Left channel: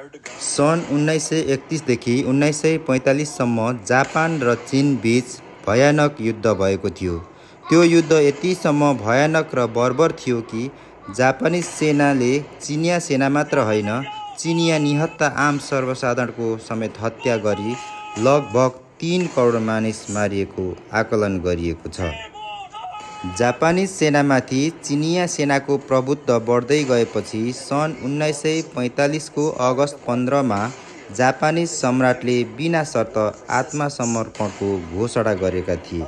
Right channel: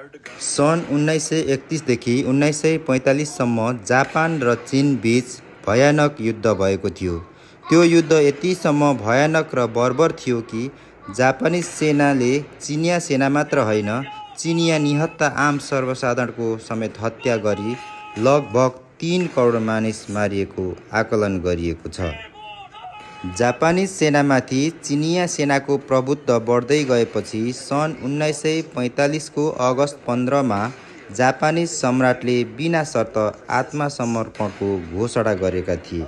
सन् 1931 देखि 1945 सम्म जापान र चीन बीच भयानक युद्ध भएको थियो। त्यो युद्ध यतिसम्म भयानक र बर्बर थियो कि जापानी सेनाले चिनिया सेना मात्र होइन, चिनिया निहत्था आम सर्वसाधारणको समेत हत्या गरी लगभग 3 करोड मानिस मारिएको आकलन गरिएको छ। जापानी सेनामाथि चिनिया सेनाको प्रभुत्व बढ्दै गएपछि सन् 1945 को अगस्त 15 मा जापानी सम्राटले बिना शर्त आत्मसमर्पणको घोषणा गरेका थिए।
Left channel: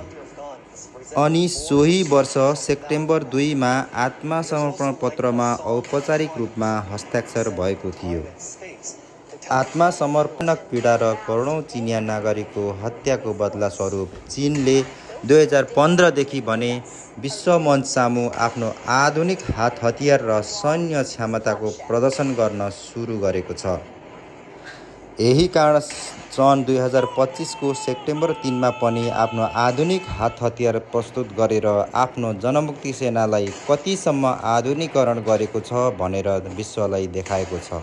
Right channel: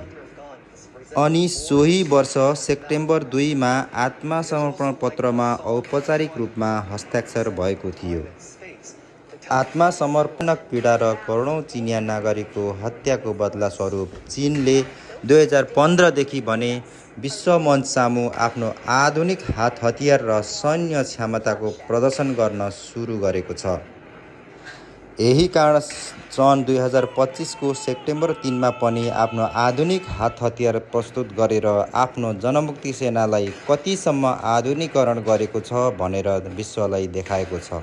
अनि सोही वर्ष सेप्टेम्बर 2 मा आत्मसमर्पण पत्रमा औपचारिक रूपमा हस्ताक्षर भएको थियो। आत्मसमर्पणक पीडा र करोडौँ चिनिया नागरिकको हत्याको बदला स्वरूप चीनले 2015 देखि भने विश्व मञ्च सामु आफ्नो आधुनिक हात हतियार र सैन्य क्षमताको प्रदर्शन गर्न सुरु गरेको छ। यही कारण सन् 2025 को सेप्टेम्बर 3 मा पनि आफ्नो आधुनिक हात हतियार प्रस्तुत गरेर आफ्नो जनमुक्ति सेनालाई कतिसम्म आधुनिकीकरण गरेको छ भनेर विश्वलाई देखाएको छ।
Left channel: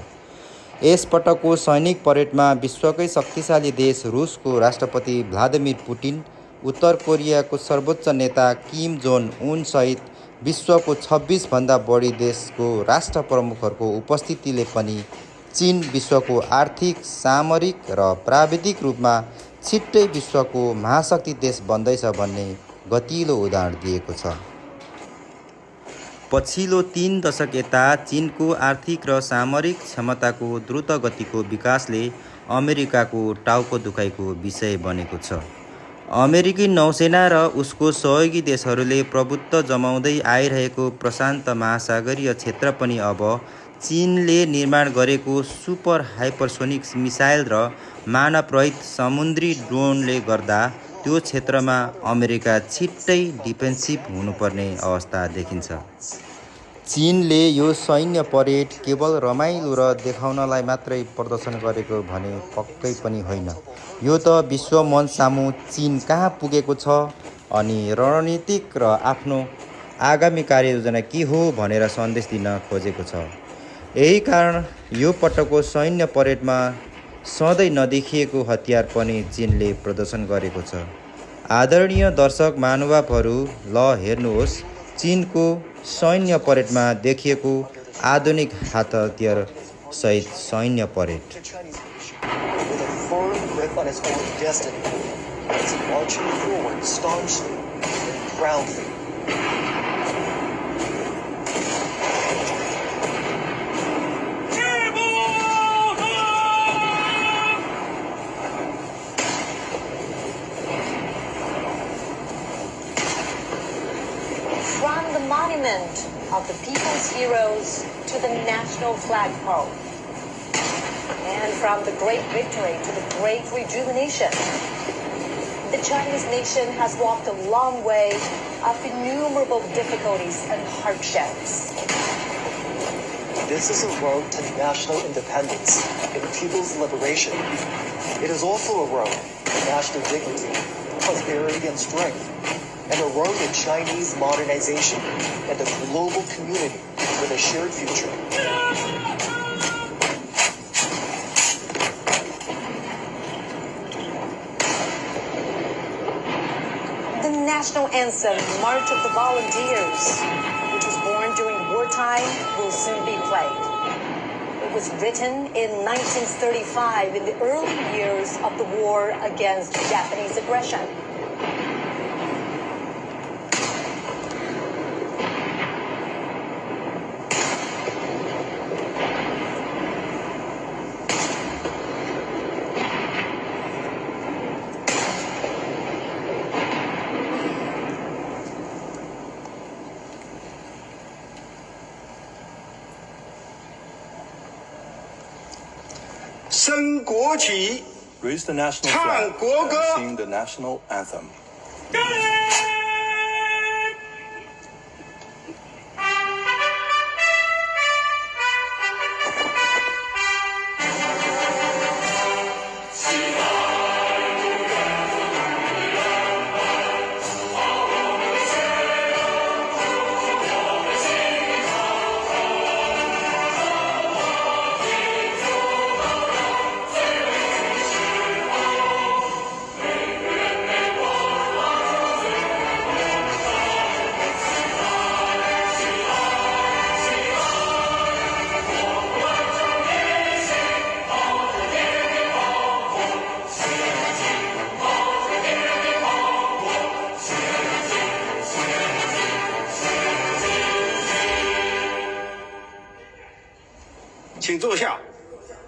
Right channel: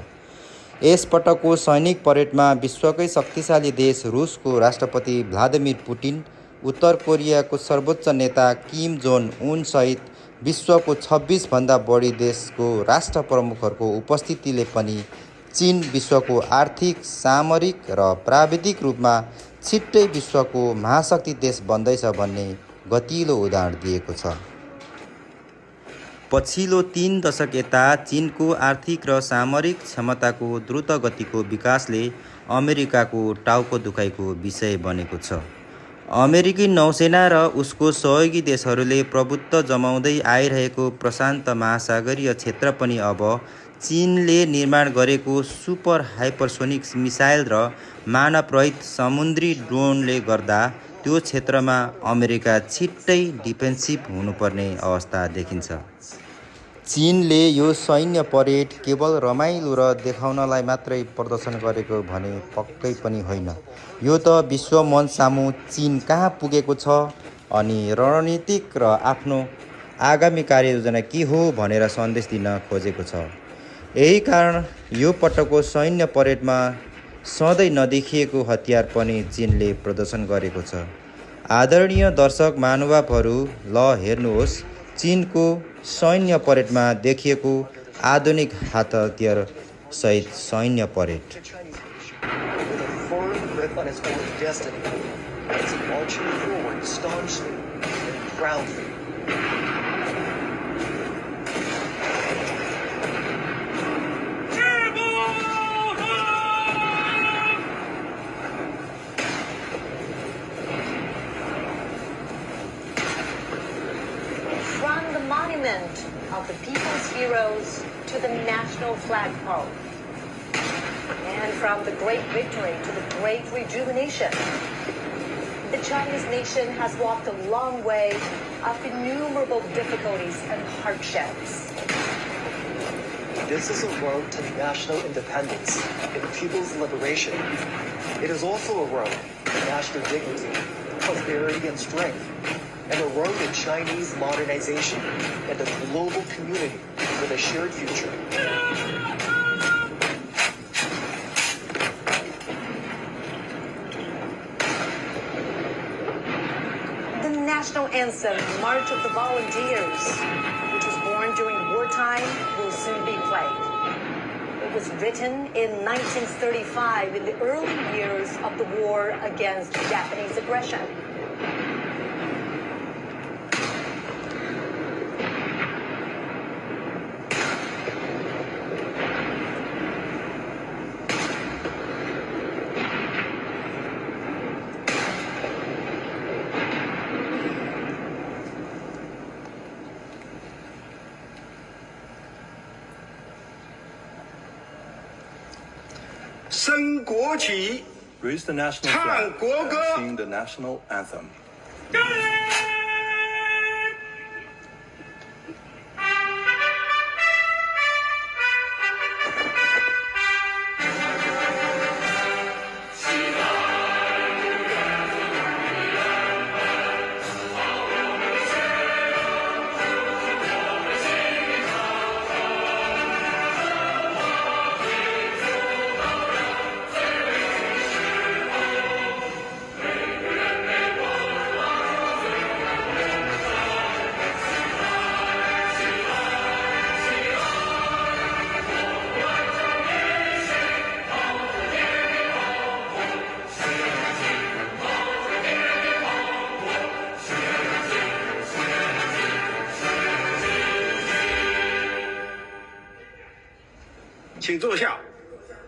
यस पटकको सैनिक परेडमा विश्वकै शक्तिशाली देश रुसको राष्ट्रपति भ्लादिमिर पुटिन, उत्तर कोरियाको सर्वोच्च नेता किम जोङ उन सहित विश्वको 26 भन्दा बढी देशको राष्ट्र प्रमुखहरूको उपस्थितिले पनि चीन विश्वको आर्थिक, सामरिक र प्राविधिक रूपमा छिट्टै विश्वको महाशक्ति देश बन्दैछ भन्ने गतिलो उदाहरण दिएको छ। पछिल्लो 3 दशक यता चीनको आर्थिक र सामरिक क्षमताको द्रुत गतिको विकासले अमेरिकाको टाउको दुखाइको विषय बनेको छ। अमेरिकी नौसेना र उसको सहयोगी देशहरूले प्रभुत्व जमाउँदै आइरहेको प्रशान्त महासागरीय क्षेत्र पनि अब चीनले निर्माण गरेको सुपर हाइपरसोनिक मिसाइल र मानवरहित समुद्री ड्रोनले गर्दा त्यो क्षेत्रमा अमेरिका छिट्टै डिफेन्सिभ हुनुपर्ने अवस्था देखिन्छ। चीनले यो सैन्य परेड केवल रमाइलो र देखाउनलाई मात्रै प्रदर्शन गरेको भने पक्कै पनि होइन। यो त विश्व मञ्च सामु चीन कहाँ पुगेको छ अनि रणनीतिक र आफ्नो आगामी कार्ययोजना के हो भनेर सन्देश दिन खोजेको छ। यही कारण यो पटकको सैन्य परेडमा सधैँ नदेखिएको हतियार पनि चीनले प्रदर्शन गरेको छ। आदरणीय दर्शक महानुभावहरू, ल हेर्नुहोस् चीनको सैन्य परेडमा देखिएको आधुनिक हात हतियार सहित सैन्य parade. Monument of the people's heroes to the national flagpole, and from the great victory to the great rejuvenation, the Chinese nation has walked a long way of innumerable difficulties and hardships. This is a road to national independence and people's liberation. It is also a road to national dignity, prosperity, and strength, and a road to Chinese modernization and a global community with a shared future. The national anthem, March of the Volunteers, which was born during wartime, will soon be played. It was written in 1935 in the early years of the war against Japanese aggression. Raise the national flag and sing the national anthem.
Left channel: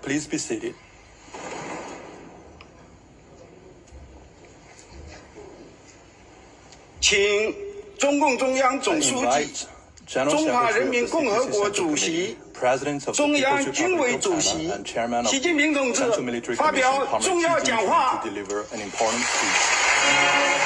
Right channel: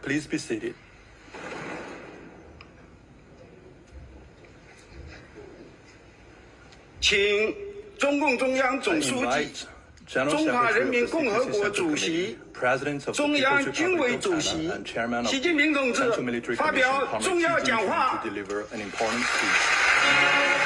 Please be seated. 请中共中央 I 总书记、 invite General 中华 Secretary 人 of 民 the 共和 Security 国 Central 主 Committee, 席、 President of the 中 People's 央军委 Republic of 主 China 席 and Chairman of 习近平同 the 志 Central Military 发 Commission, 表 Comrade 重 Xi 要讲 Jinping, 话 to。deliver an important speech.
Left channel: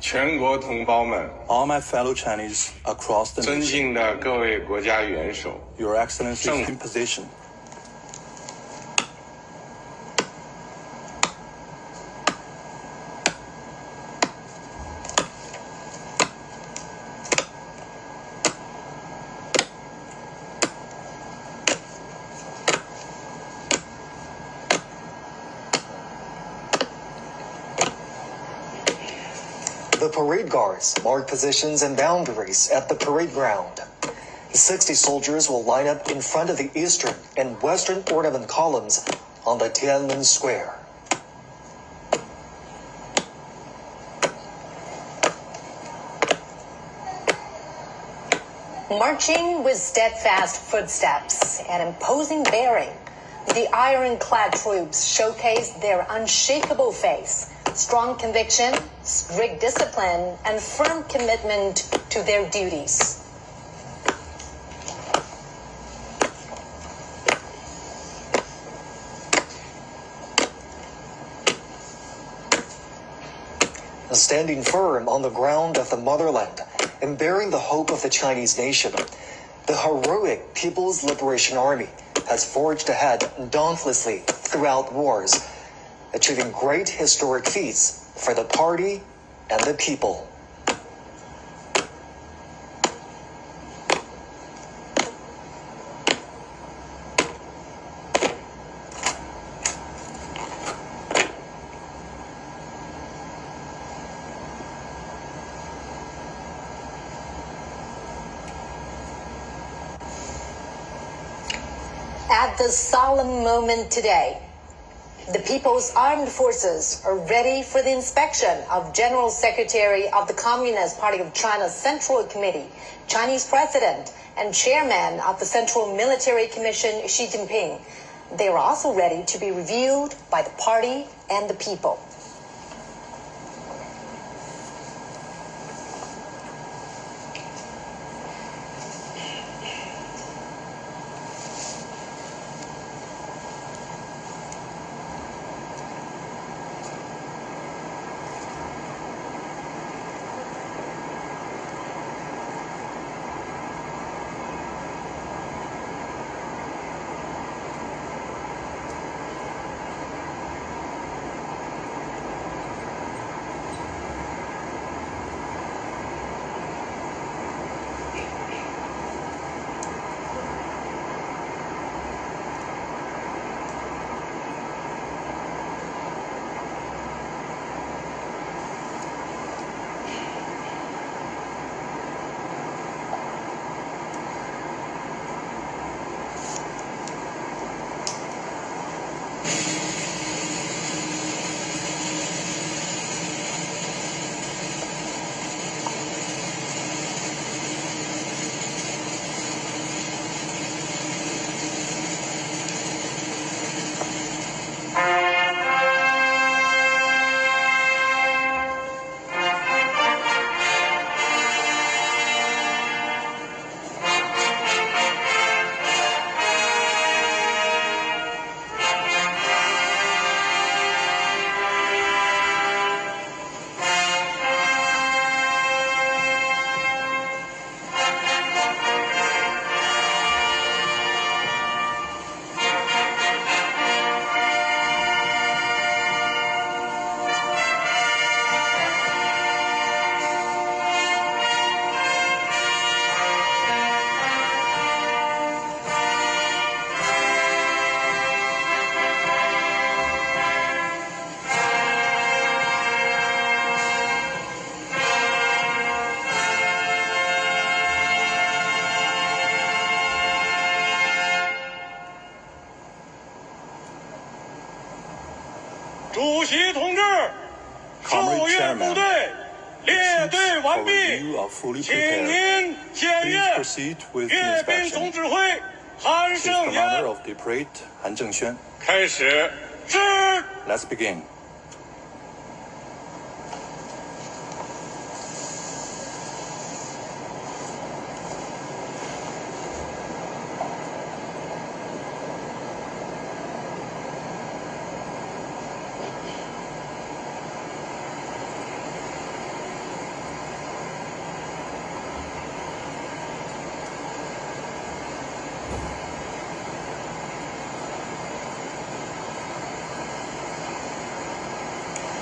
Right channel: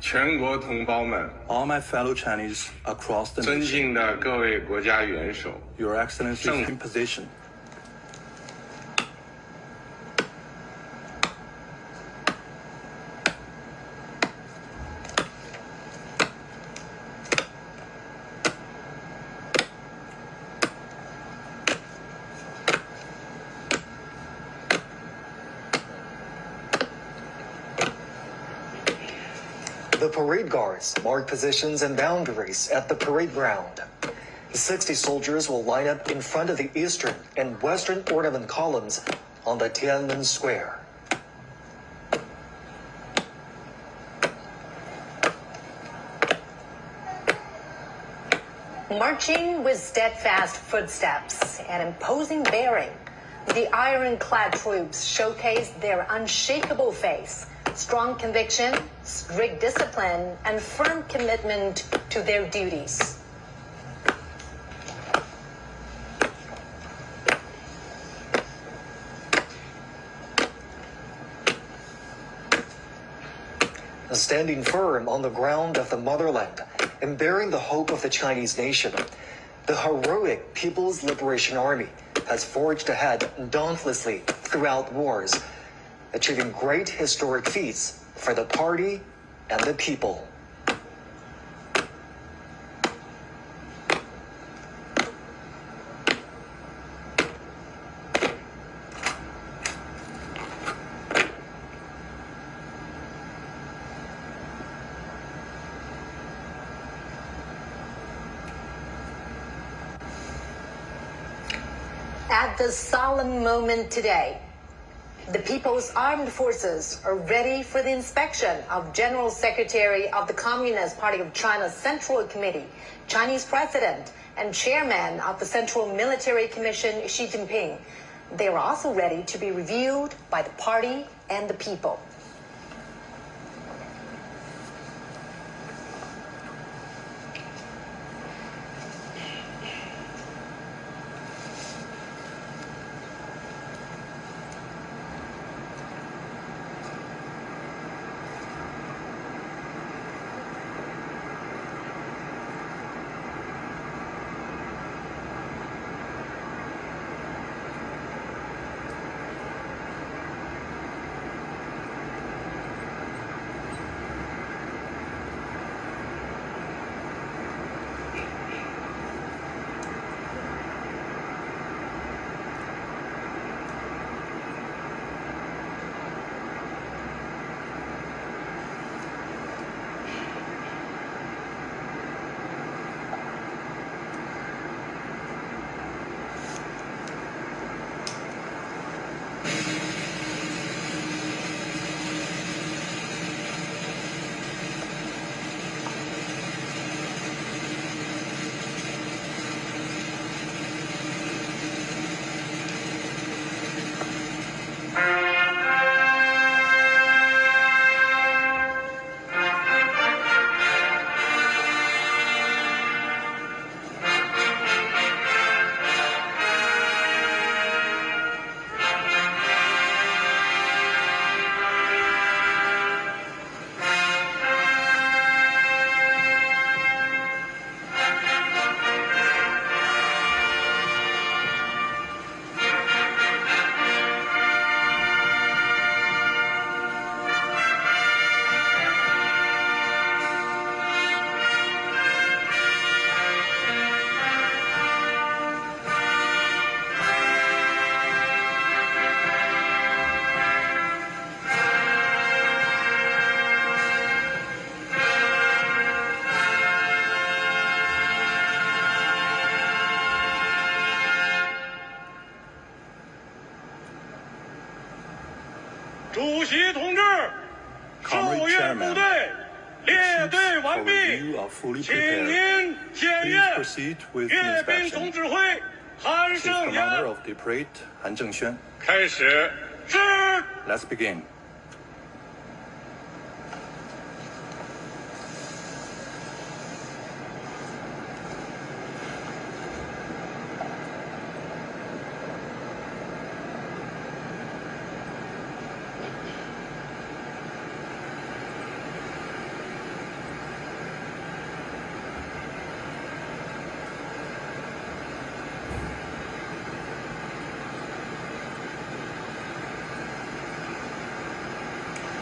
全国同胞们， All my fellow Chinese across the 尊 nation, 敬的各位国家元首， Your Excellency is 政 in position. The parade guards mark positions and boundaries at the parade ground. 60 soldiers will line up in front of the eastern and western ornament columns on the Tiananmen Square. Marching with steadfast footsteps and imposing bearing, the ironclad troops showcase their unshakable faith, strong conviction, strict discipline, and firm commitment to their duties. Standing firm on the ground of the motherland and bearing the hope of the Chinese nation, the heroic People's Liberation Army has forged ahead dauntlessly throughout wars, achieving great historic feats for the party and the people. At this solemn moment today, the People's Armed Forces are ready for the inspection of General Secretary of the Communist Party of China's Central Committee, Chinese President, and Chairman of the Central Military Commission, Xi Jinping. They are also ready to be reviewed by the party and the people. 完毕， review are fully 请 prepared. 您检 Please 阅 proceed with the 阅兵总 inspection. 指挥韩 Chief 胜 Commander 元 of the parade, Han Zhengxuan. 开始致。 Let's begin.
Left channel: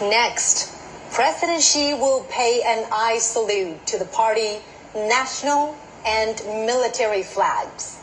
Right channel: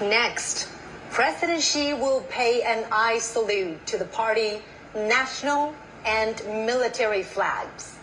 Next, President Xi will pay an eye salute to the party national and military flags.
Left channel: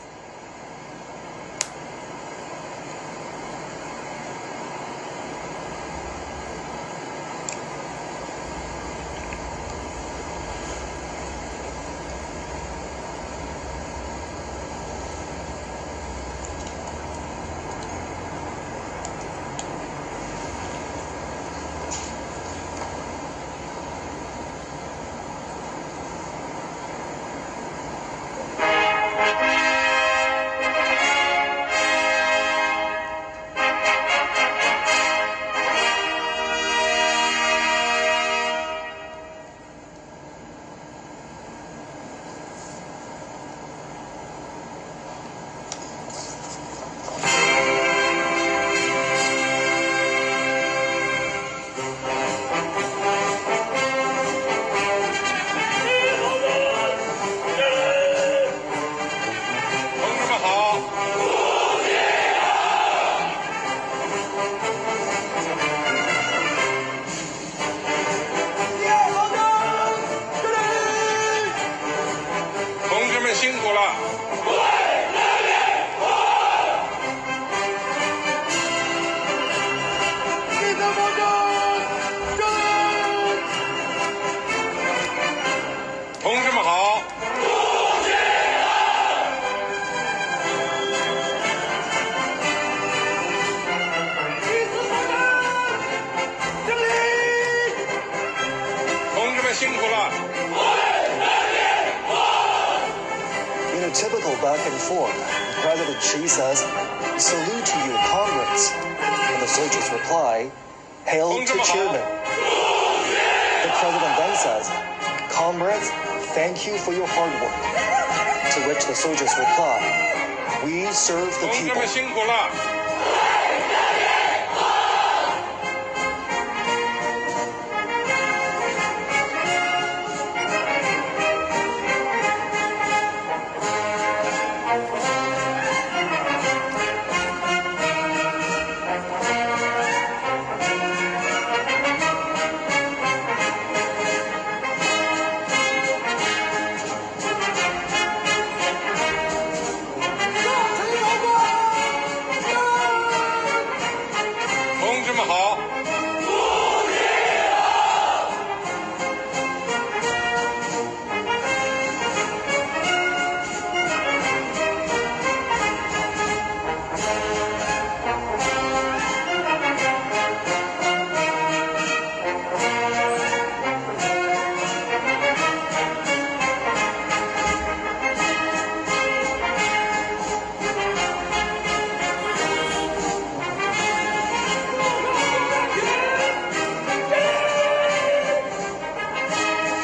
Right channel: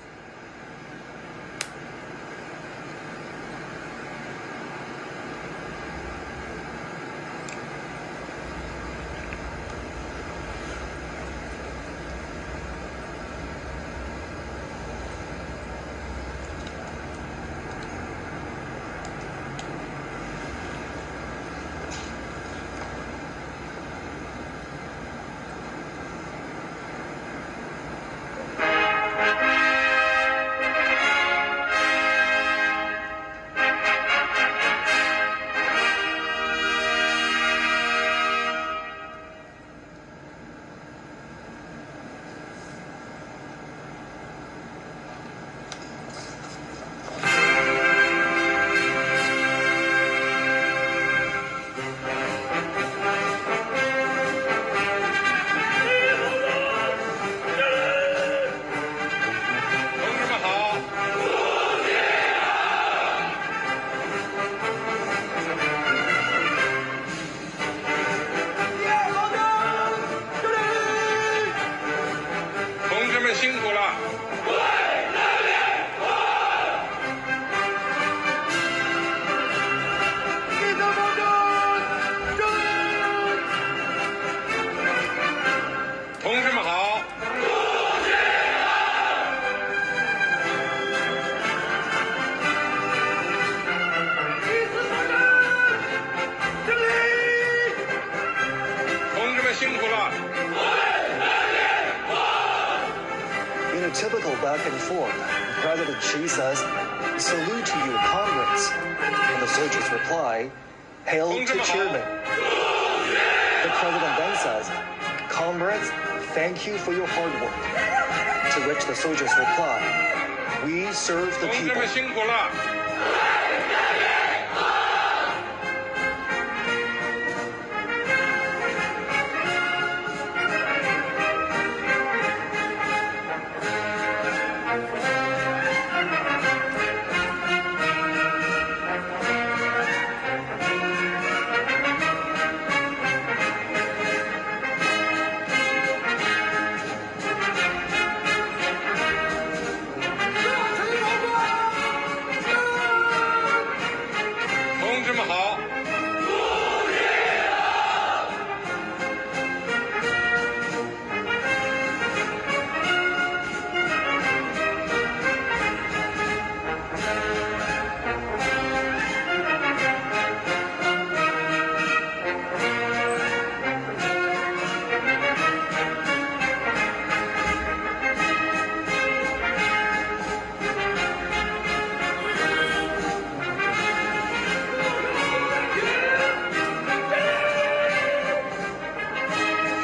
In a typical back and forth, President Xi says, "Salute to you, comrades." And the soldiers reply, "Hail to chairman." The president then says, "Comrades, thank you for your hard work." To which the soldiers reply, "We serve the 同志 people." 们辛苦了。 同志们好！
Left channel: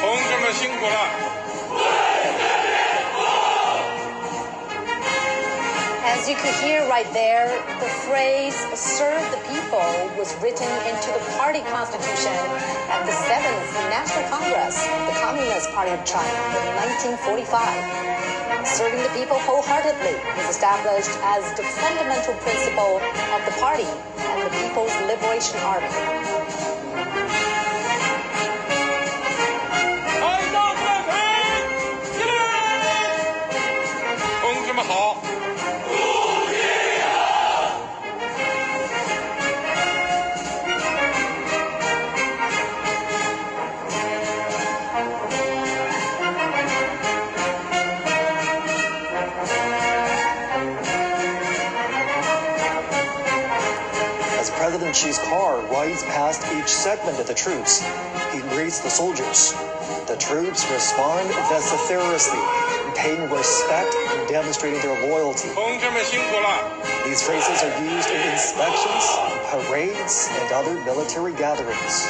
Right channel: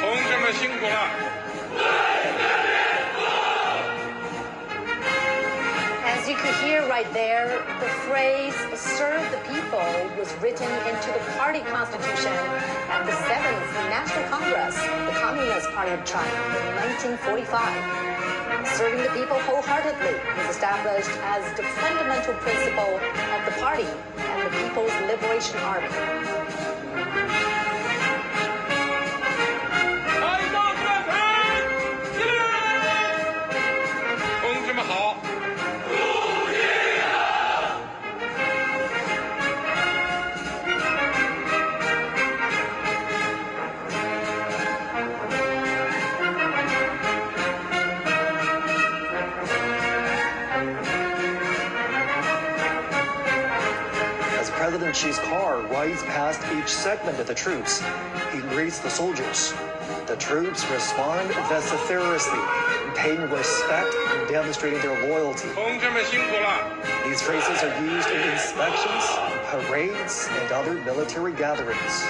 同志们辛苦了。 As you could hear right there, the phrase "serve the people" was written into the party constitution at the 7th National Congress of the Communist Party of China in 1945. Serving the people wholeheartedly was established as the fundamental principle of the party and the People's Liberation Army. 开张战培，起来！同志们好！ As President Xi's car rides past each segment of the troops, he greets the soldiers. The The troops respond vociferously, paying respect and demonstrating their loyalty. 同志们辛苦了。 These phrases are used in inspections, parades, and other military gatherings.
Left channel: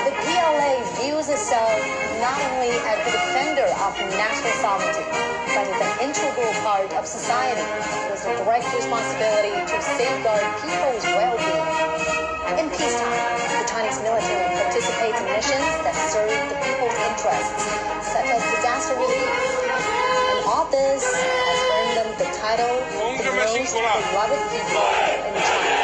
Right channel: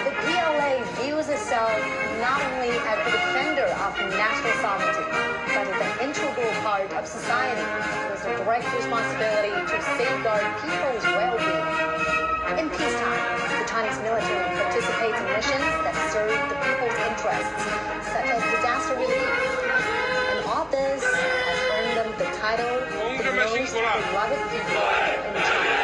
The PLA views itself not only as the defender of national sovereignty, but as an integral part of society with a direct responsibility to safeguard people's well-being. In peacetime, the Chinese military participates in missions that serve the people's interests, such as disaster relief. And all this has earned them the title the most beloved people in China.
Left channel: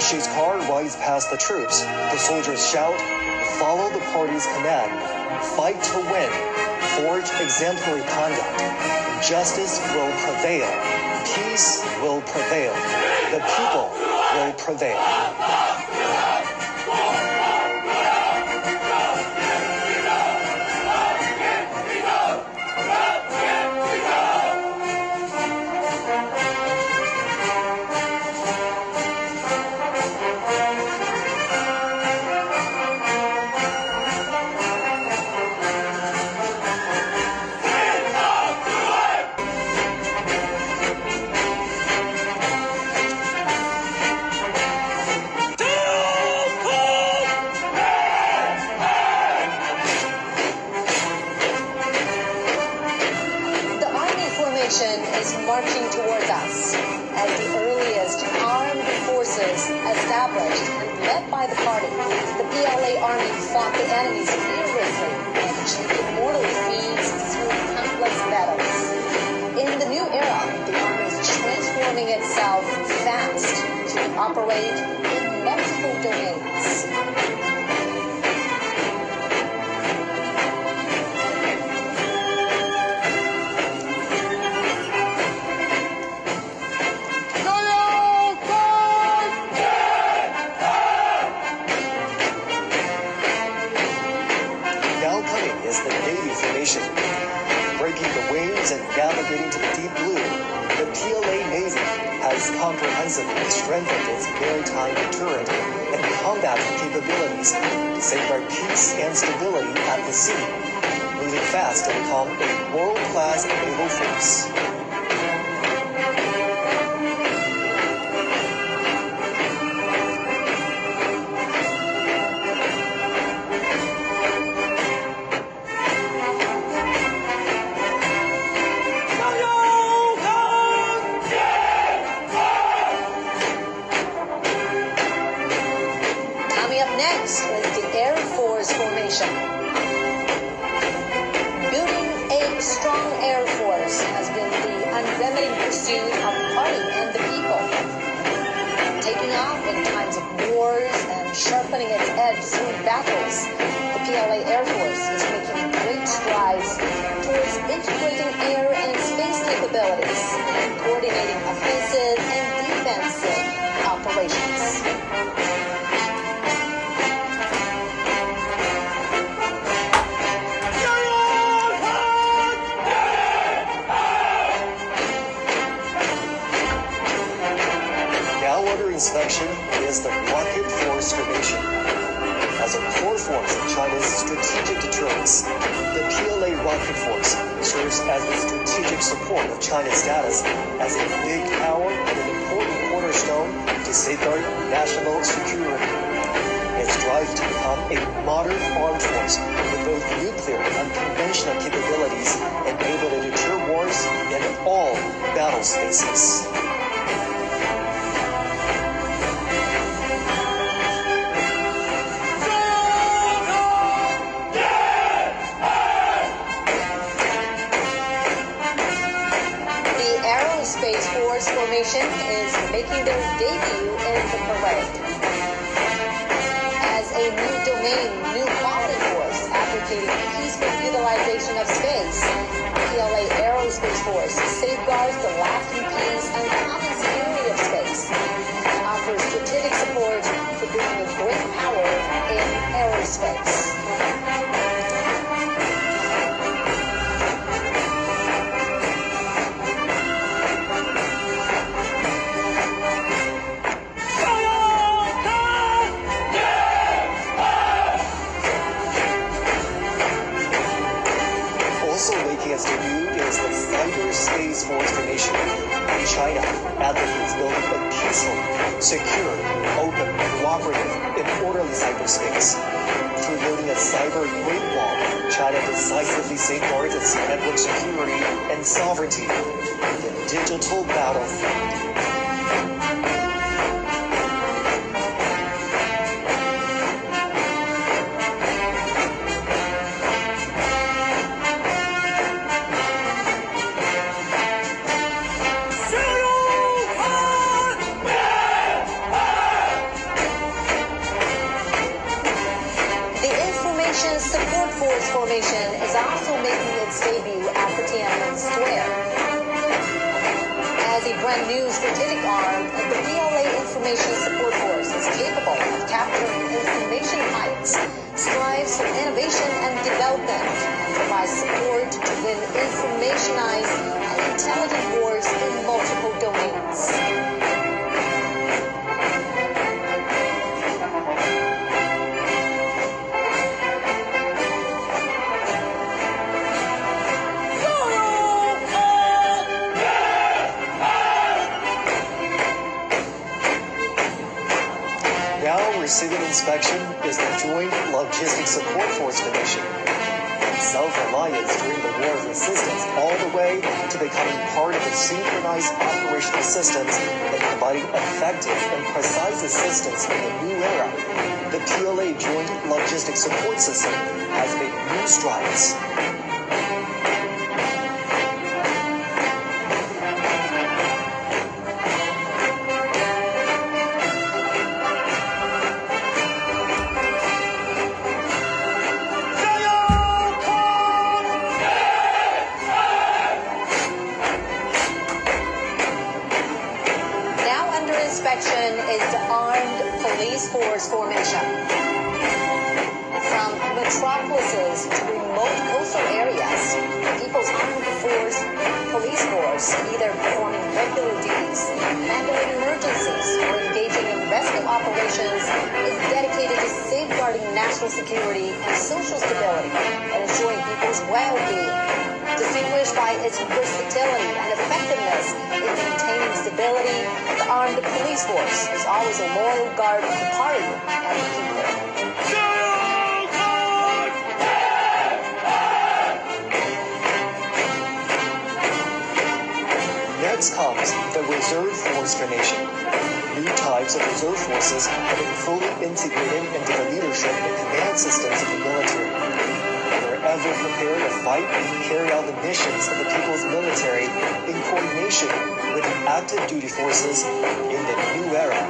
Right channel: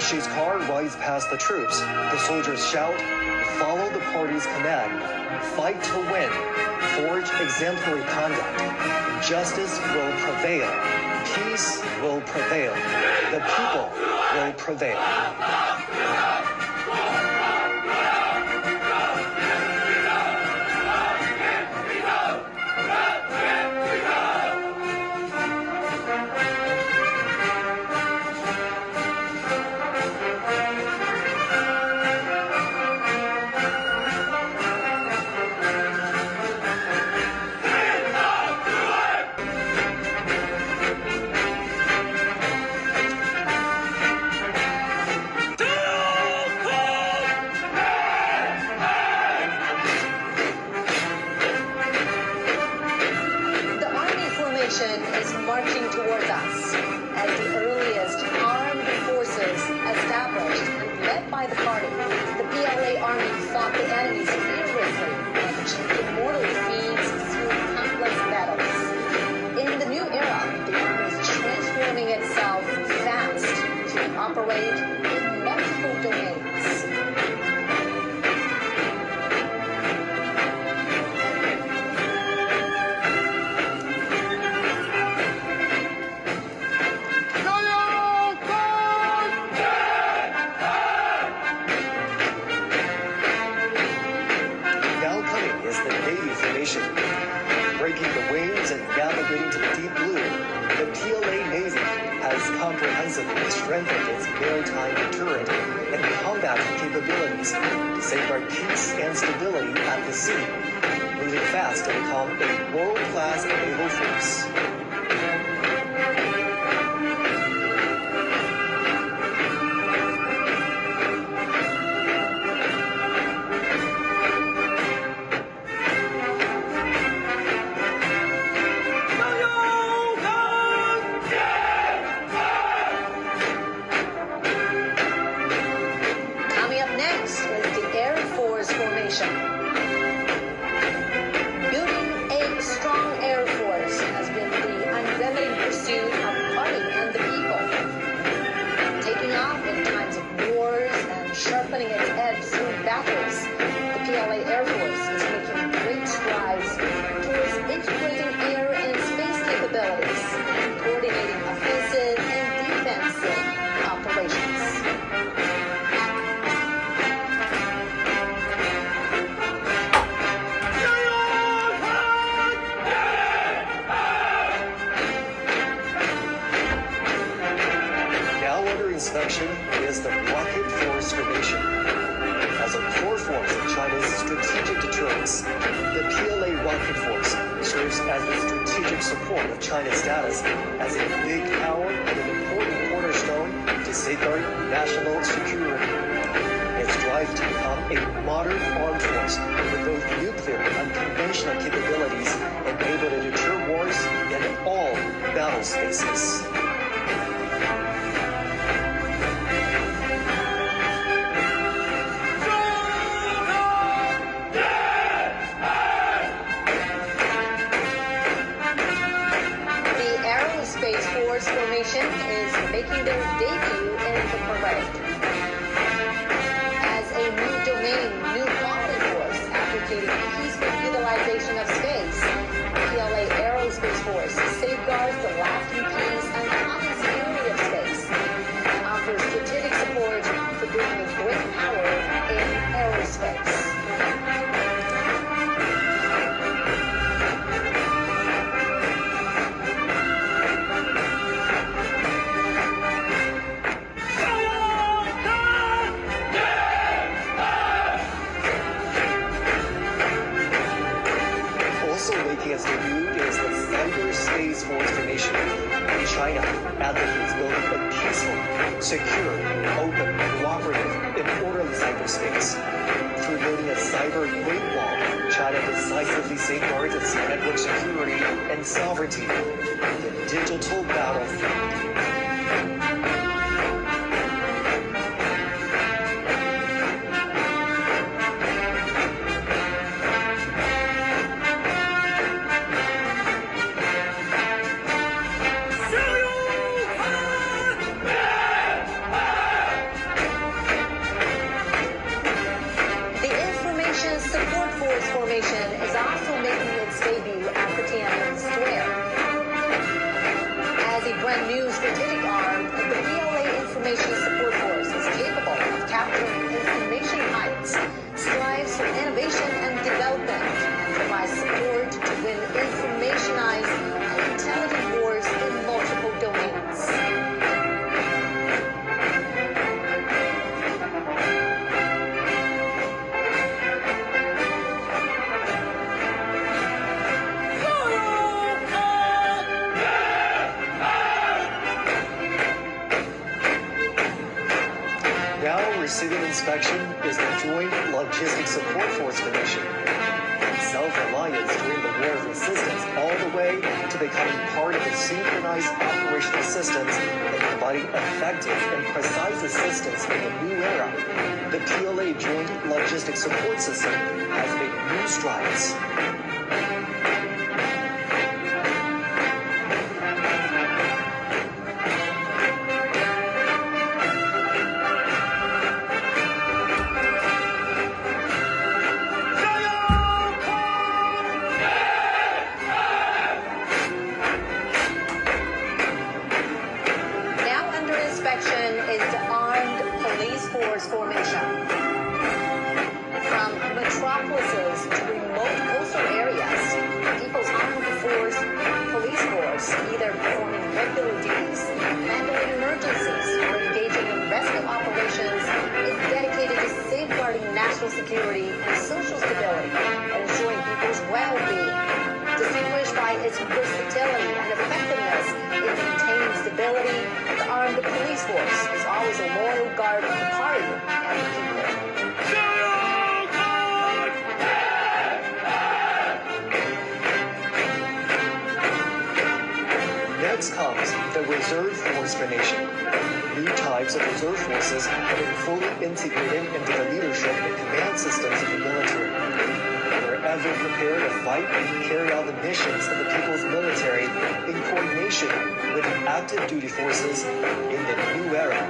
Xi's car rides past the troops. The soldiers shout, follow the party's command, fight to win, forge exemplary conduct. Justice will prevail. Peace will prevail. The people will prevail. marching towards us as the earliest armed forces established and led by the party. The PLA army fought the enemy fearlessly and achieved immortal feats through countless battles. In the new era, the army is transforming itself fast to operate in multiple domains. Now coming is the Navy formation. Breaking the waves and navigating to the deep blue, the PLA Navy has comprehensively strengthened its maritime deterrent and combat capabilities to safeguard peace and stability at the sea, moving fast to become a world-class naval force. Coming up next is the Air Force formation. Building a strong Air Force has been the unremitting pursuit of the party and the people. Taking off in times of wars and sharpening its edge through battles, the PLA Air Force is making great strides towards integrating air and space capabilities and coordinating offensive and defensive operations. Now under inspection is the Rocket Force formation. As a core force of China's strategic deterrence, the PLA Rocket Force serves as the strategic support of China's status as a big power and an important cornerstone to safeguard national security. Its drive to become a modern armed force with both nuclear and conventional capabilities enable it to deter wars in all battle spaces. The Aerospace Force formation is making their debut in the parade. As a new domain, new quality force advocating peaceful utilization of space, PLA Aerospace Force safeguards the lasting peace and common security of space, and offers strategic support for bringing a great power in aerospace. Also making its debut is the Cyberspace Force formation. China advocates building a peaceful, secure, open, cooperative, and orderly cyberspace. Through building a cyber Great Wall, China decisively safeguards its network security and sovereignty. The digital battlefield. The Information Support Force formation is also making its debut at the Tiananmen Square. As a brand new strategic arm, the PLA Information Support Force is capable of capturing information heights, strives for innovation and development, and provides support to win informationized and intelligent wars in multiple domains. Now receiving inspection is the Joint Logistics Support Force formation. Self-reliance during the war with assistance all the way to becoming part of the synchronized operational systems and providing effective and precise assistance in the new era. The PLA Joint Logistics Support System has made new strides. Is the armed police force formation. From metropolises to remote coastal areas, People's Armed Police Force, either performing regular duties, handling emergencies, or engaging in rescue operations, is dedicated to safeguarding national security and social stability and ensuring people's well-being. Distinguished by its versatility and effectiveness in maintaining stability, the Armed Police Force is always a loyal guard of the party and the people. Next comes the Reserve Force formation. New types of reserve forces have been fully integrated into the leadership and command systems of the military. They're ever prepared to fight and carry out the missions of the people's military in coordination with the active duty forces in the new era.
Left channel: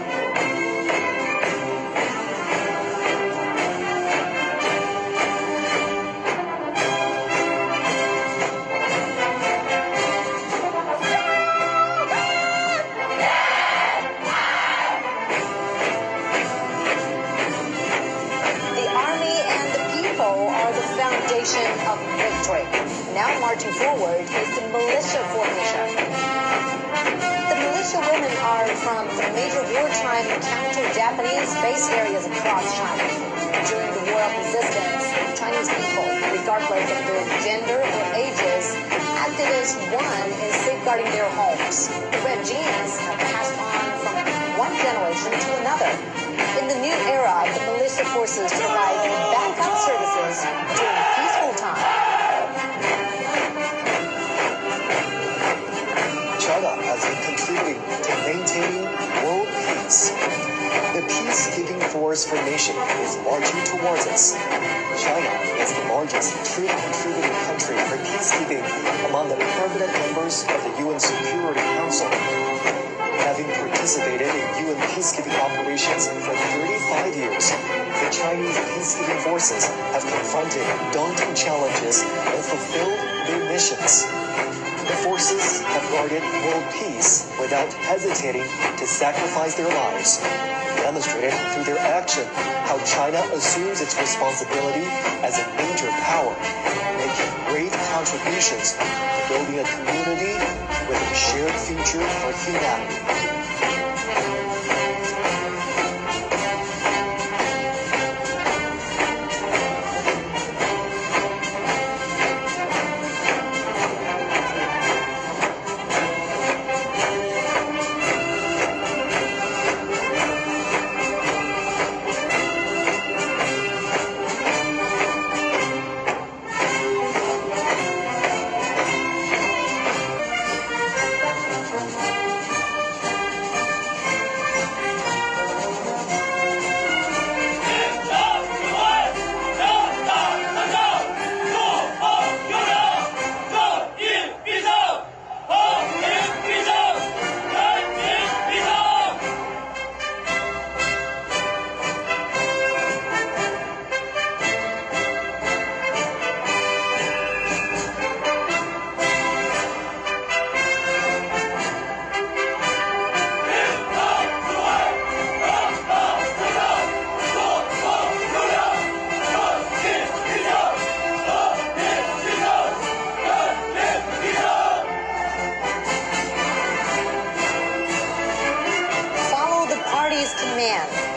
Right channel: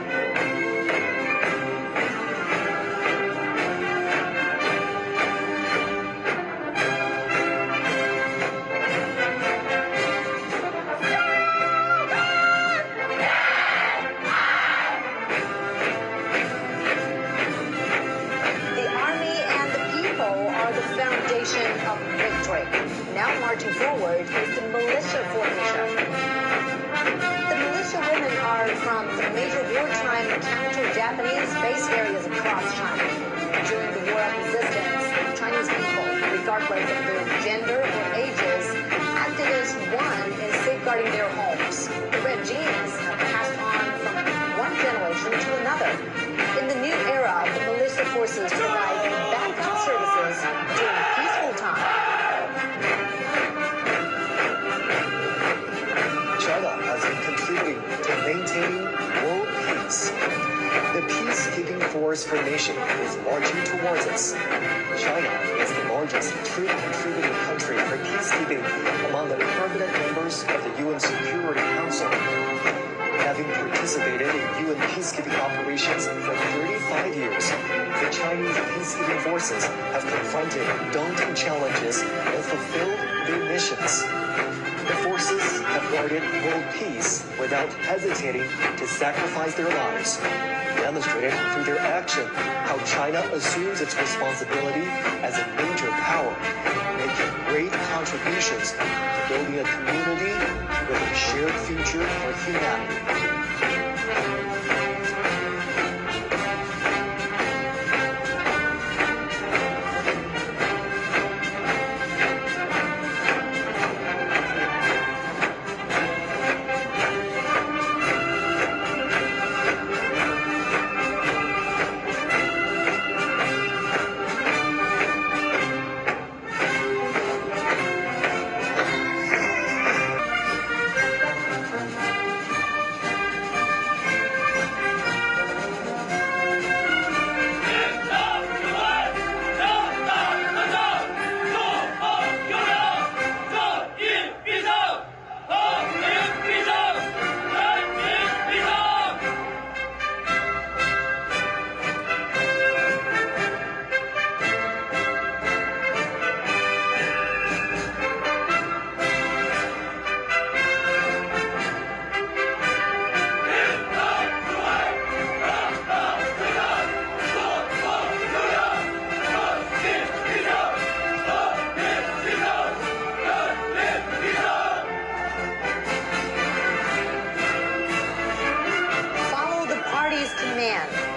Foundation of victory. Now marching forward is the militia formation. The militia women are from the major wartime counter-Japanese base areas across China. During the War of Resistance, Chinese people, regardless of their gender or ages, acted as one in safeguarding their homes. The red genes have passed on from one generation to another. In the new era, the militia forces provide backup services during peaceful time. China has been contributing to maintaining world peace. The peacekeeping force formation is marching towards us. China is the largest troop contributing country for peacekeeping among the permanent members of the UN Security Council. Having participated in UN peacekeeping operations for 35 years, the Chinese peacekeeping forces have confronted daunting challenges and fulfilled their missions. The forces have guarded world peace without hesitating to sacrifice their lives, demonstrated through their action how China assumes its responsibility as a major power, making great contributions to building a community with a shared future for humanity.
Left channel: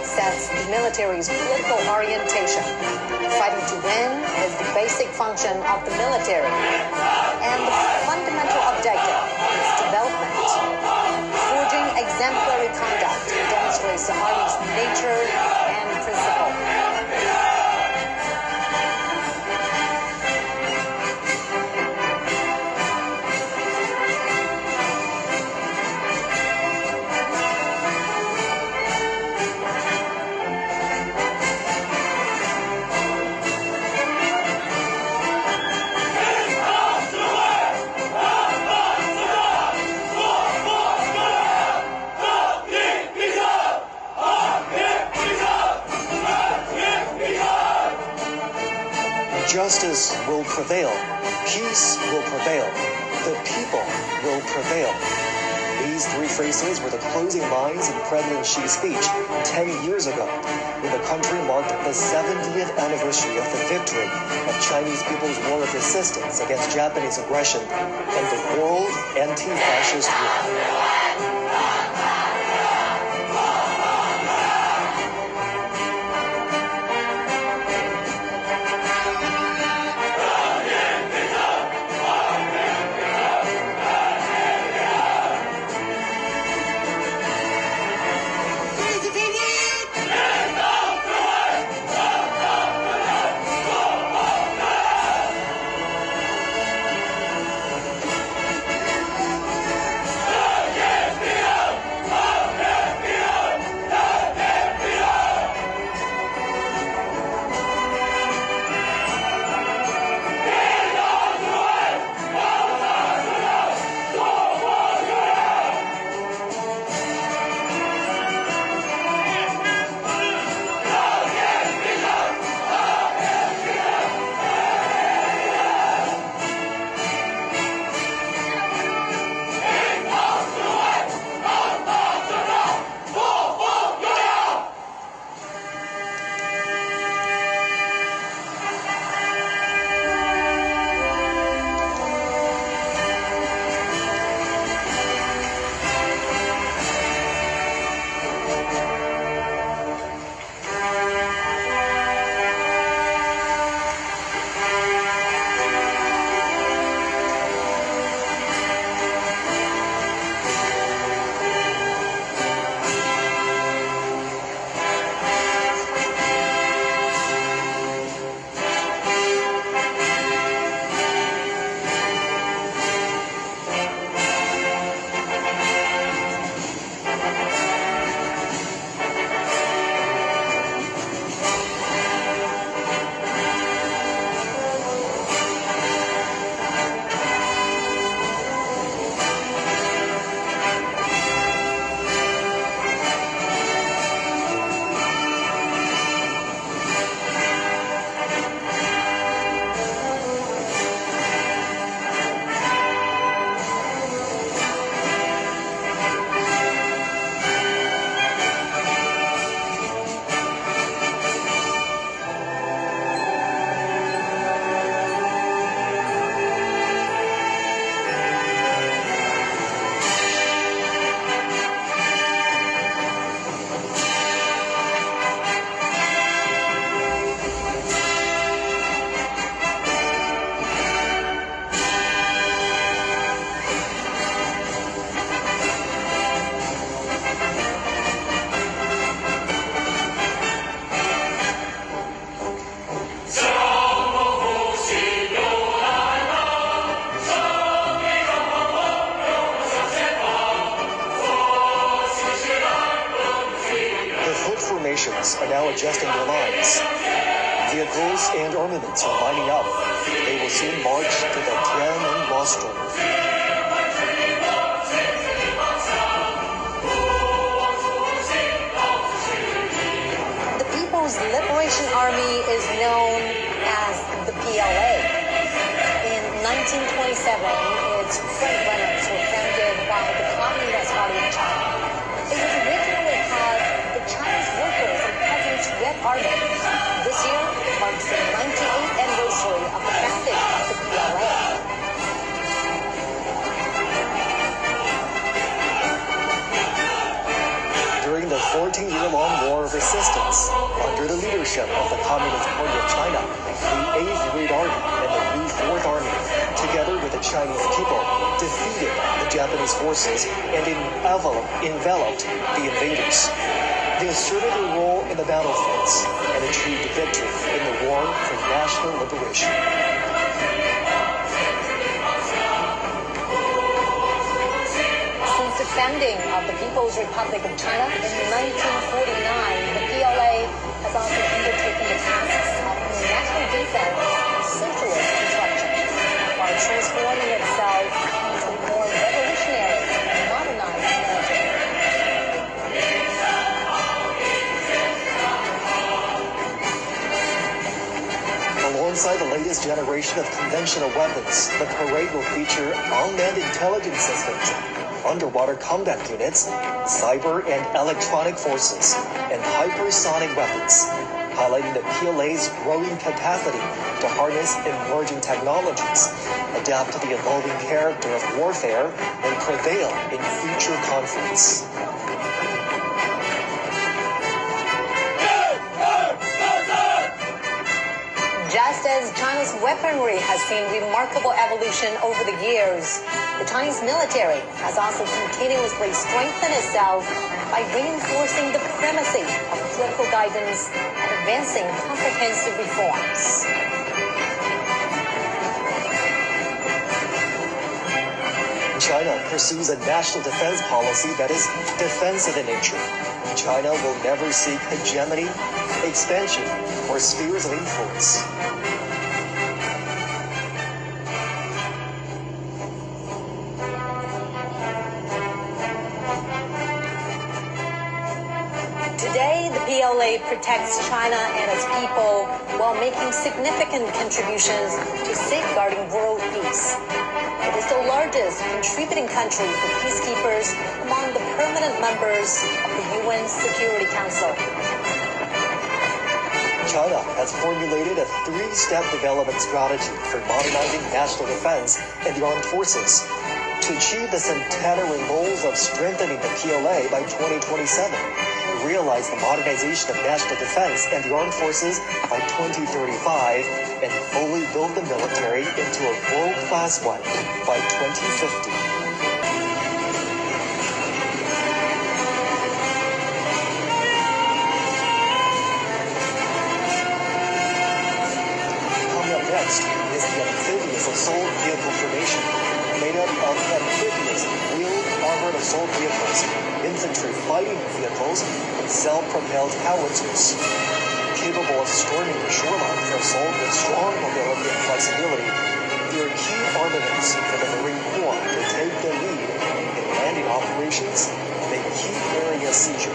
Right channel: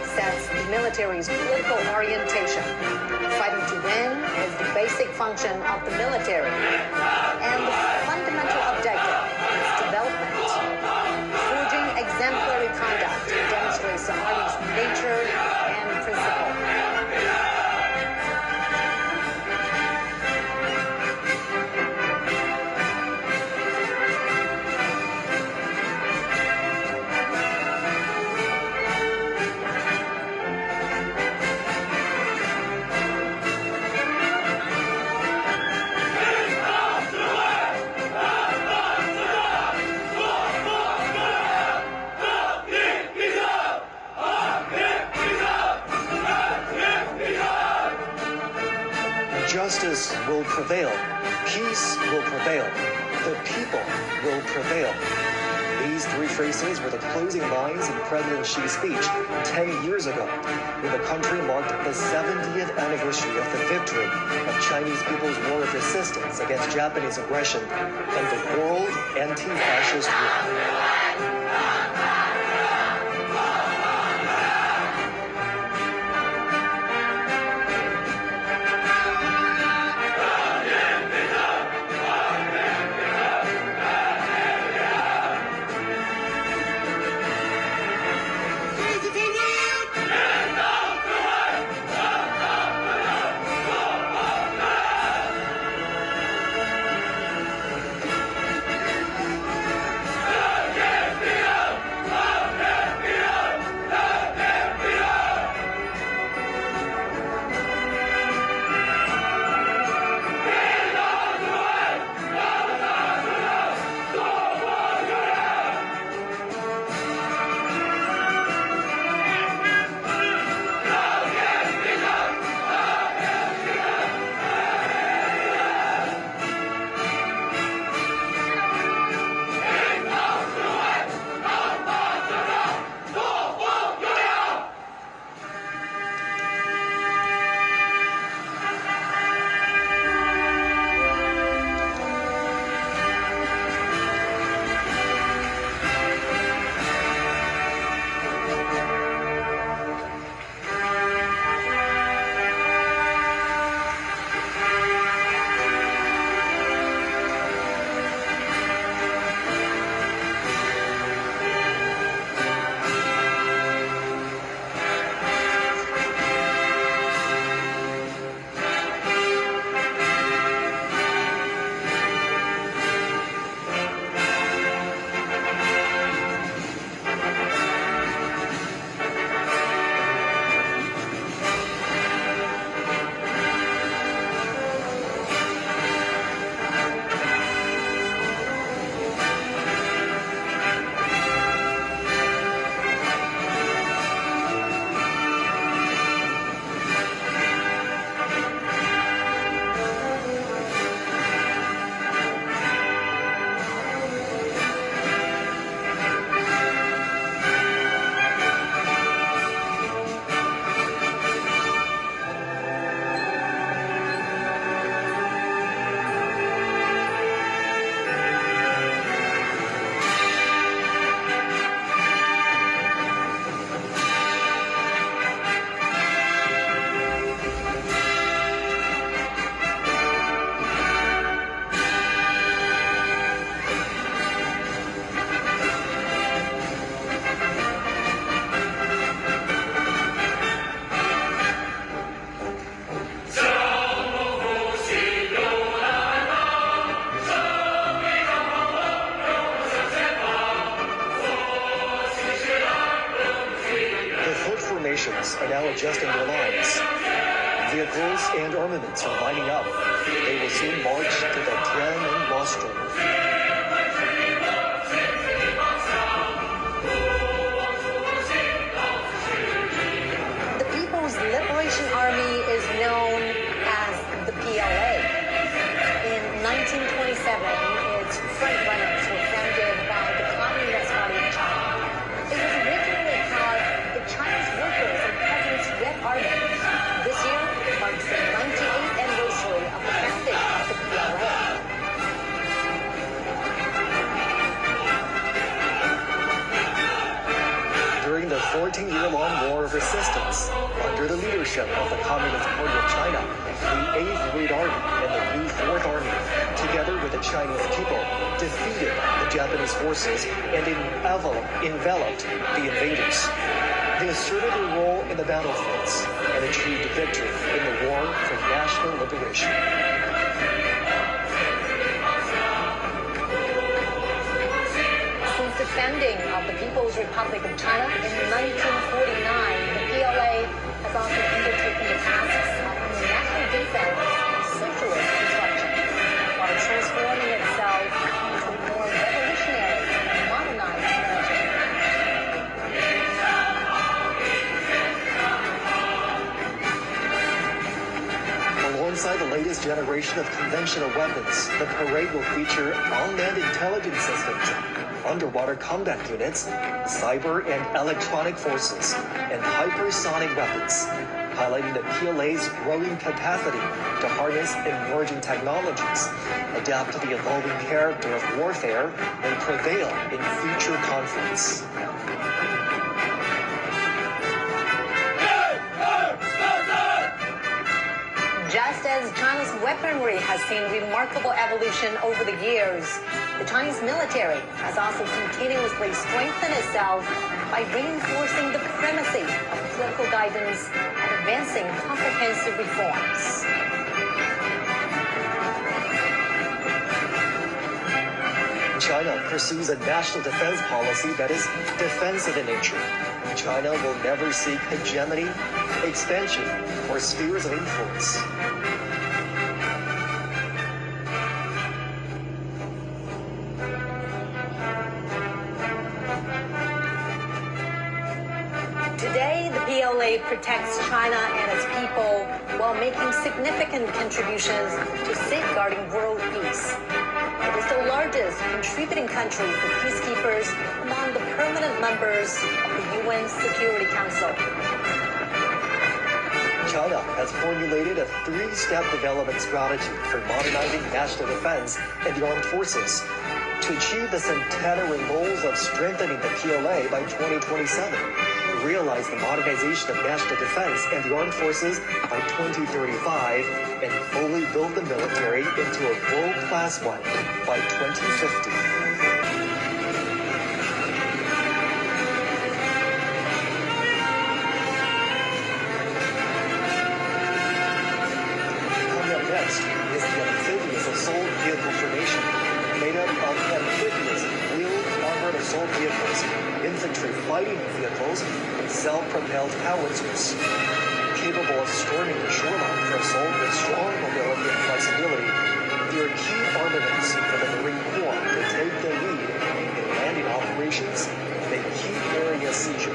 Sets the military's political orientation. Fighting to win is the basic function of the military, and the fundamental objective is development. Forging exemplary conduct demonstrates the Army's nature and principle. Justice will prevail. Peace will prevail. The people will prevail. These three phrases were the closing lines in President Xi's speech 10 years ago, when the country marked the 70th anniversary of the victory of Chinese people's war of resistance against Japanese aggression and the World Anti-Fascist War. Are now adjusting their lines. Vehicles and armaments are lining up. They will soon march to the Tiananmen rostrum. The People's Liberation Army is known as the PLA. In 1927, its frontrunners were founded by the Communist Party of China. It was originally called the Chinese Workers and Peasants Red Army. This year marks the 98th anniversary of the founding of the PLA. During the 14-year-long war of resistance, under the leadership of the Communist Party of China, the 8th Red Army and the Blue 4th Army, together with the Chinese people, defeated the Japanese forces and enveloped the invaders. They asserted their role in the battlefields and achieved victory in the war for national liberation. Since the founding of the People's Republic of China in 1949, the PLA has also undertaken the tasks of national defense and socialist construction, while transforming itself into a more revolutionary and modernized military. Alongside the latest generation of conventional weapons, the parade will feature unmanned intelligence systems, underwater combat units, cyber and electronic forces, and hypersonic weapons, highlighting the PLA's growing capacity to harness emerging technologies, adapt to the evolving character of warfare, and prevail in future conflicts. Just as China's weaponry has seen remarkable evolution over the years, the Chinese military has also continuously strengthened itself by reinforcing the primacy of political guidance and advancing comprehensive reforms. China pursues a national defense policy that is defensive in nature. China will never seek hegemony, expansion, or spheres of influence. Today, the PLA protects China and its people while making significant contributions to safeguarding world peace. It is the largest contributing country for peacekeepers among the permanent members of the UN Security Council. China has formulated a three-step development strategy for modernizing national defense and the armed forces to achieve the centenary goals of strengthening the PLA by 2027, realize the modernization of national defense and the armed forces by 2035, and fully build the military into a world-class one by 2050. Next is the amphibious assault vehicle formation, made up of amphibious wheeled armored assault vehicles, infantry fighting vehicles, and self-propelled howitzers. Capable of storming the shoreline for assault with strong mobility and flexibility, they are key armaments for the Marine Corps to take the lead in landing operations and a key area seizure.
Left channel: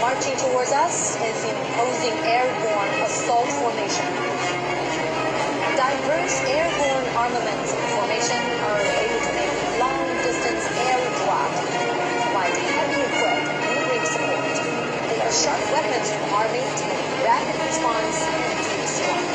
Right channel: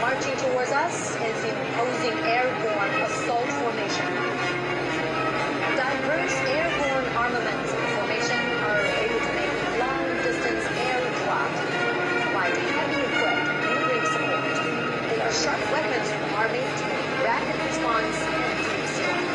Marching towards us is the imposing airborne assault formation. Diverse airborne armaments and formation are able to make long-distance air drop, provide heavy equipped military support. They are sharp weapons for the Army to make rapid response and deep strike.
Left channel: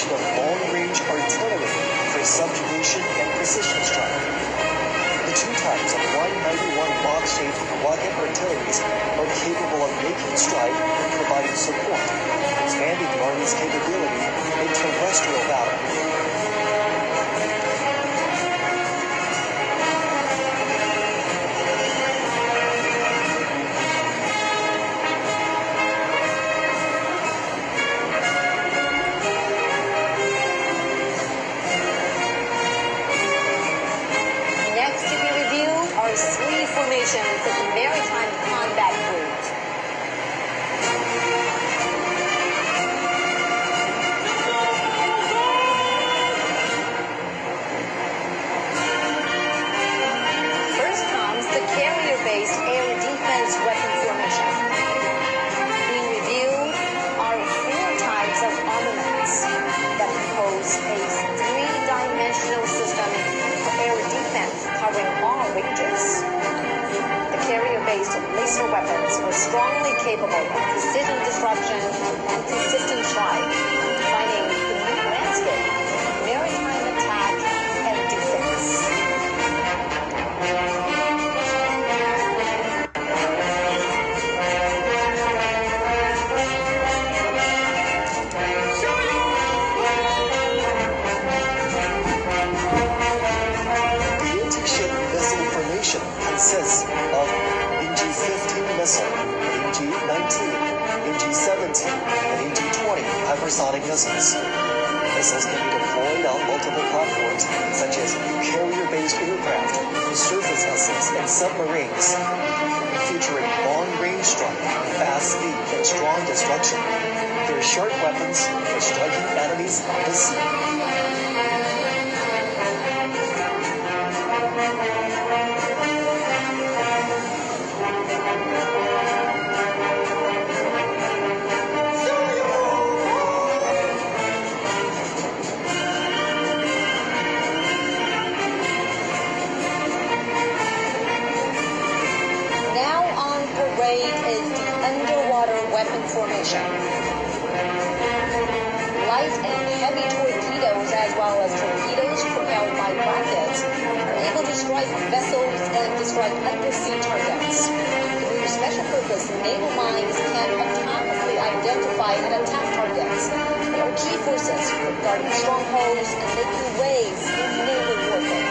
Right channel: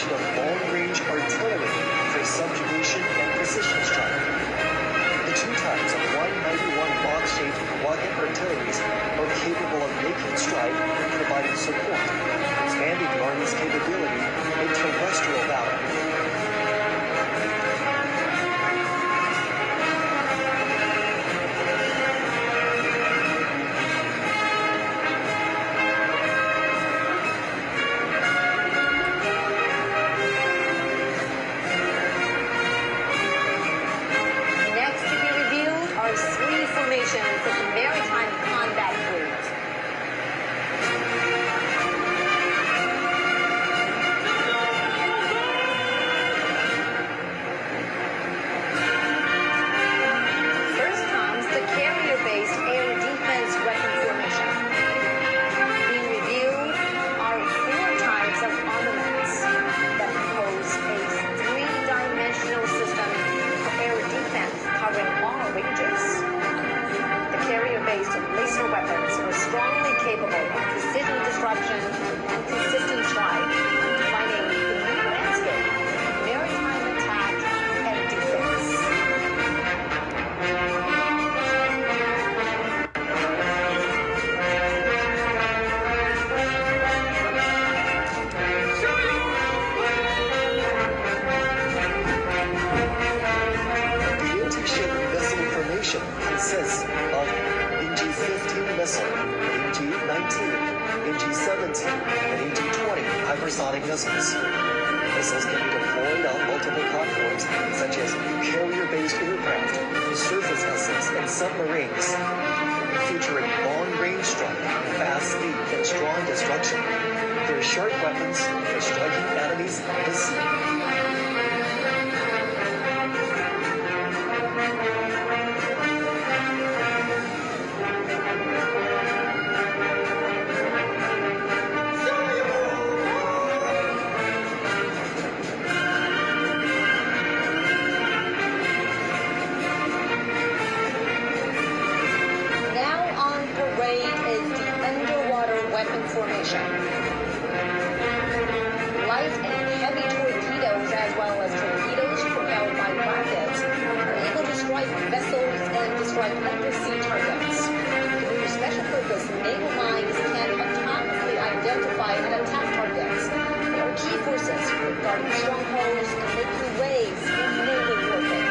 Of long-range artillery for subjugation and precision strike. The two types of 191 box-shaped rocket artilleries are capable of making strike and providing support, expanding the Army's capability in terrestrial battle. Three formations of the Maritime Combat Group. First comes the carrier-based air defense weapon formation. Being reviewed are four types of armaments that compose a three-dimensional system for air defense covering all ranges. The carrier-based laser weapons are strongly capable of precision disruption and consistent strike, defining the new landscape of maritime attack and defense. Consists of NG-15 missile, NG-19, NG-17, and NG hypersonic missiles. Missiles can be deployed on multiple platforms, such as carrier-based aircraft, surface vessels, and submarines, featuring long-range strike, fast speed, and strong destruction. They're sharp weapons for striking enemies on the sea. Now on parade is the underwater weapon formation. Light and heavy torpedoes, as well as torpedoes propelled by rockets, are able to strike vessels and to strike undersea targets. Through special purpose naval mines can autonomously identify and attack targets. They are key forces for guarding strongholds and making waves in naval warfare.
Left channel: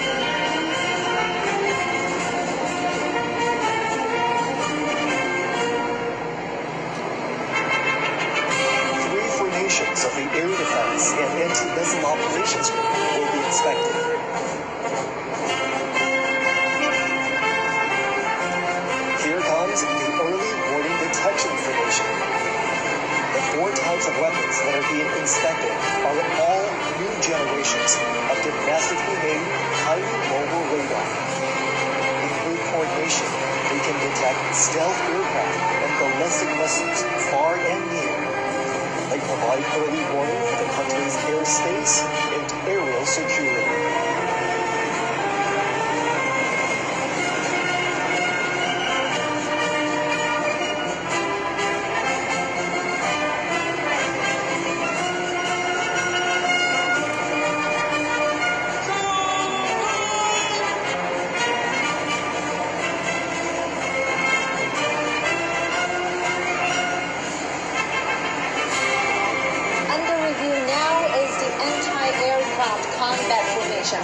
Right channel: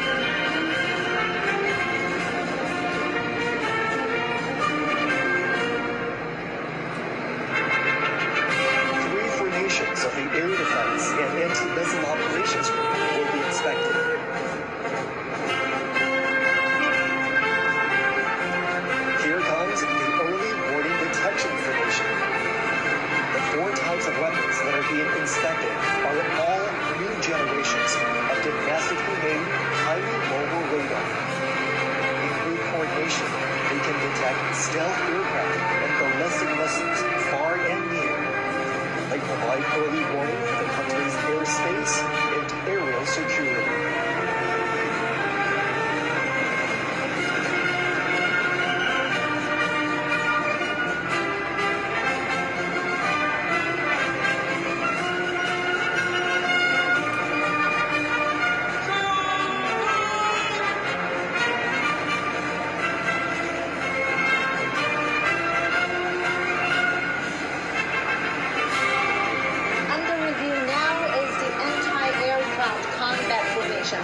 Three formations of the Air Defense and Anti-Missile Operations Group will be inspected. Here comes the Early Warning Detection Formation. The four types of weapons that are being inspected are all new generations of domestically made, highly mobile radar. Include coordination, they can detect stealth aircraft and ballistic missiles far and near. They provide early warning for the country's airspace and aerial security. Under review now is the anti-aircraft combat formation.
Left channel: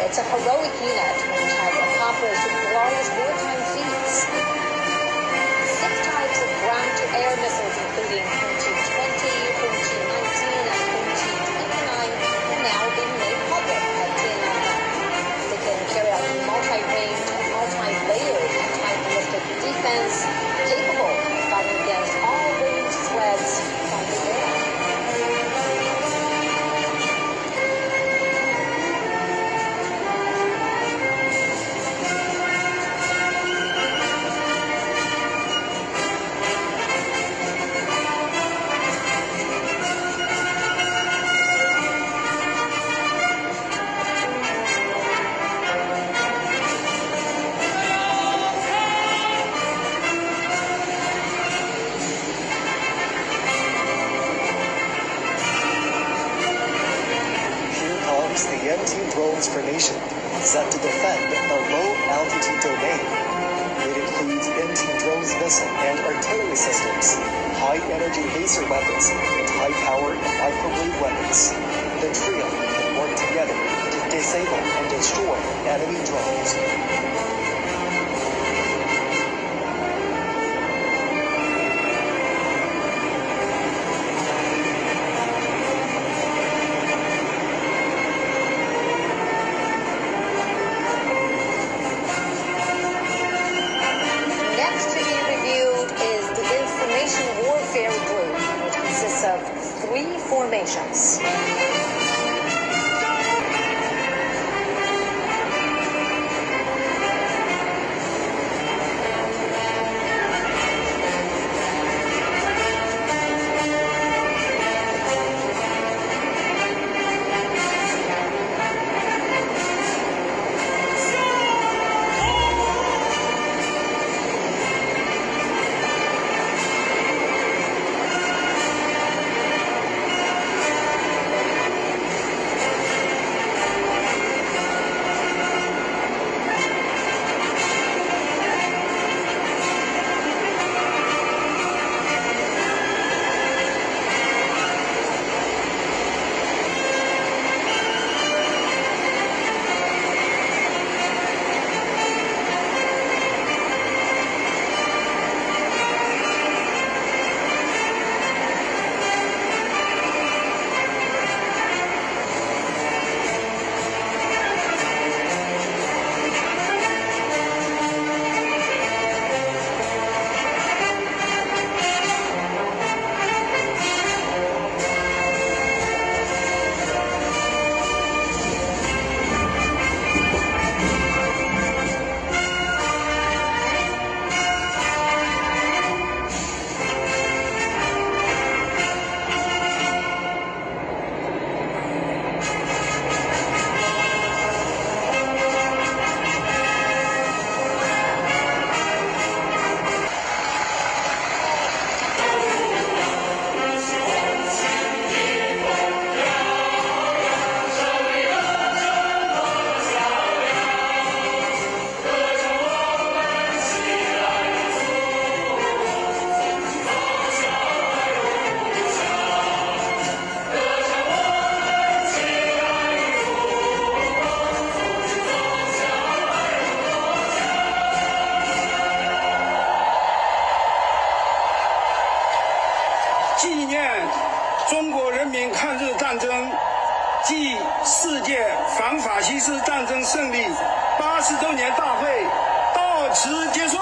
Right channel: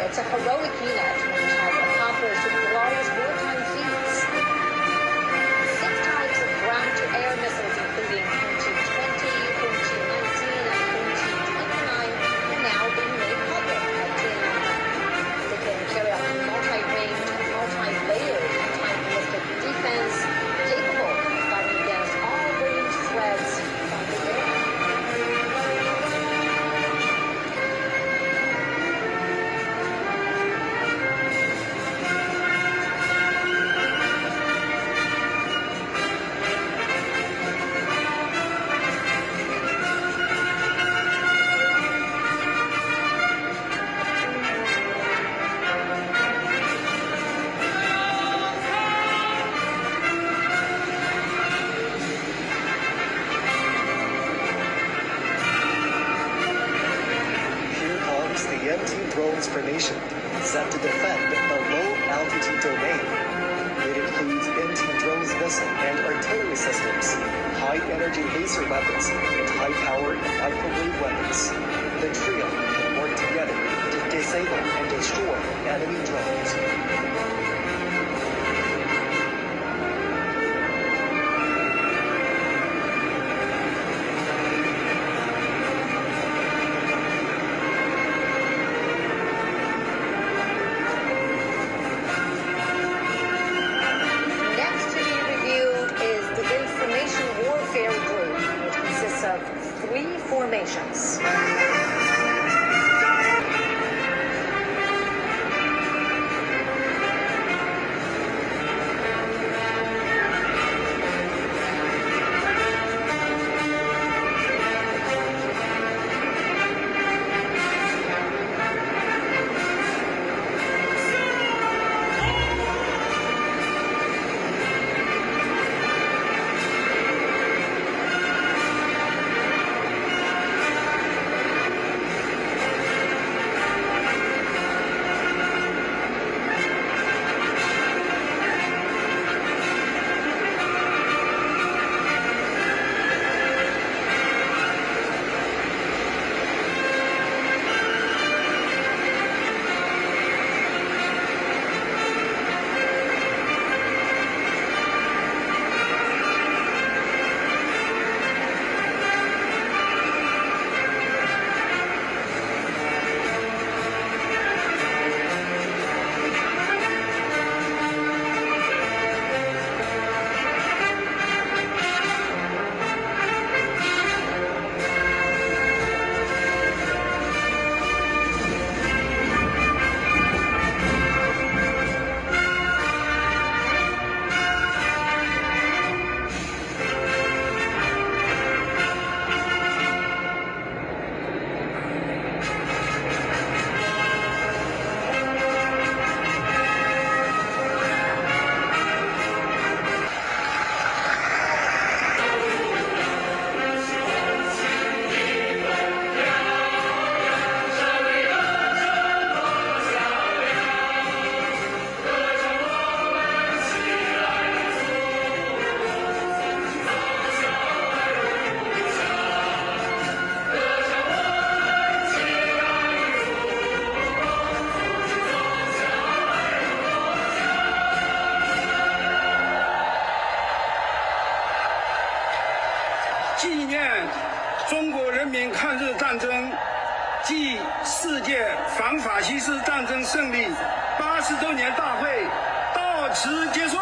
It's a heroic unit which has accomplished glorious wartime feats. 6 types of ground-to-air missiles, including Hunchi-20, Hunchi-19, and Hunchi-29, are now being made public at Tiananmen. They can carry out multi-range and multi-layered anti-ballistic defense, capable of fighting against all ranged threats from the air. Here comes the anti-drones formation, set to defend the low-altitude domain. It includes anti-drones missile and artillery systems, high-energy laser weapons, and high-powered microwave weapons. The trio can work together to disable and destroy enemy drones. Next to be reviewed is the Information Warfare Group, which consists of 3 formations. 中国人民抗日战争暨世界反法西斯战争胜利80周年大会到此结束。